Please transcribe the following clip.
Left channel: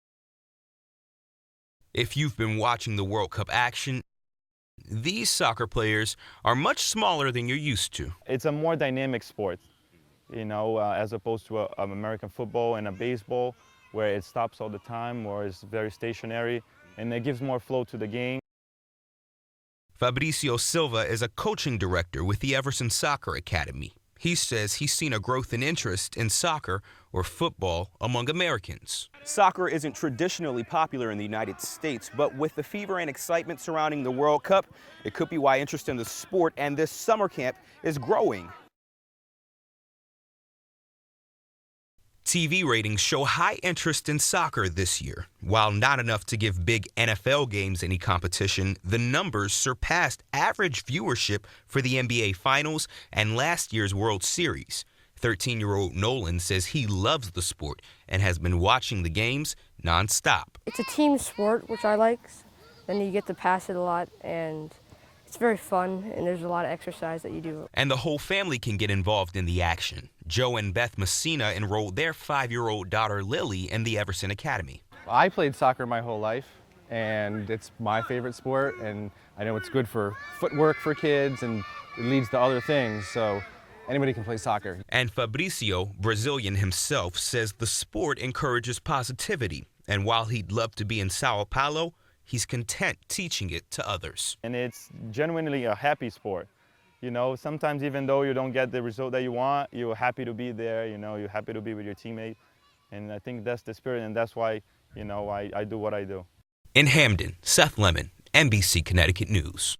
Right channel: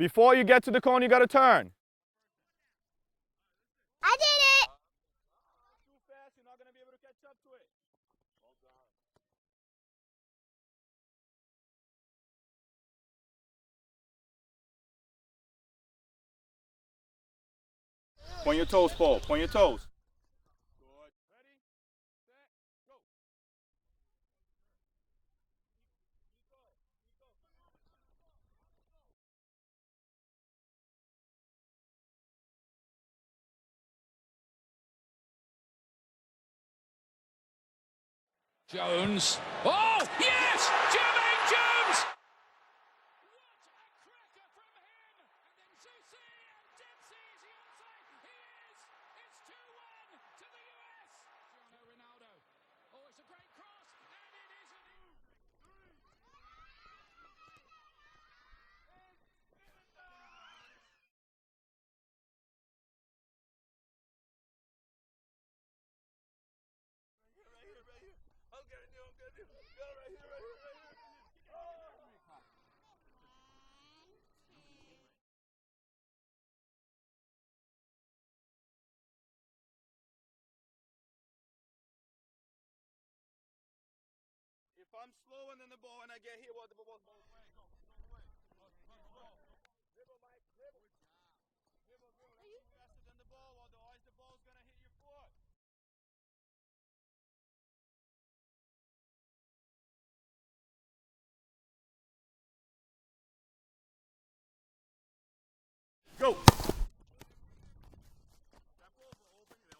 Before you get to the cone, you got to turn. If you've been watching the World Cup action, I did it! these soccer players are much smaller than you're used to. It's a more dynamic sport, as opposed to an American football and a baseball where it stops all the time or it's very stationary, and it gives more flow to the game. Point your toes, Paul. Point your toes. Fabricio Silva is a coaching director with the Everson Soccer Academy. He says he's seen a growth in interest in soccer or football among Americans. Soccer isn't traditionally popular in the United States, but with the fever and excitement surrounding the World Cup, it could be why interest in the sport and this summer camp is growing. Jones. Oh, yes! Jermaine Jones! TV ratings show high interest in soccer this year. While not enough to give big NFL games any competition, the numbers surpassed average viewership for the NBA Finals and last year's World Series. 13-year-old Nolan says he loves the sport and has been watching the games nonstop. It's a team sport, which I like. Then you get to pass it a lot, and it's very fun, and there's a lot of exercise that you do. And the whole family can get involved in the action. Joe and Beth Messina enrolled their 5-year-old daughter Lily in the Everson Academy. I played soccer my whole life, and it's my favorite sport, and I know it's good for footwork for kids, and it leads to other things, so anybody can play soccer. And Fabricio, Brazilian himself, says the sport encourages positivity, and while he'd love to be in Sao Paulo, he's content teaching it to others. And it's genuinely a happy sport. Sometimes even though you don't get the result that you want, you're happy to be there, you're happy to be with your teammate. And I think that's the spirit, and that's why, I do what I do. In Hamden, Seth Lemon, NBC Connecticut News.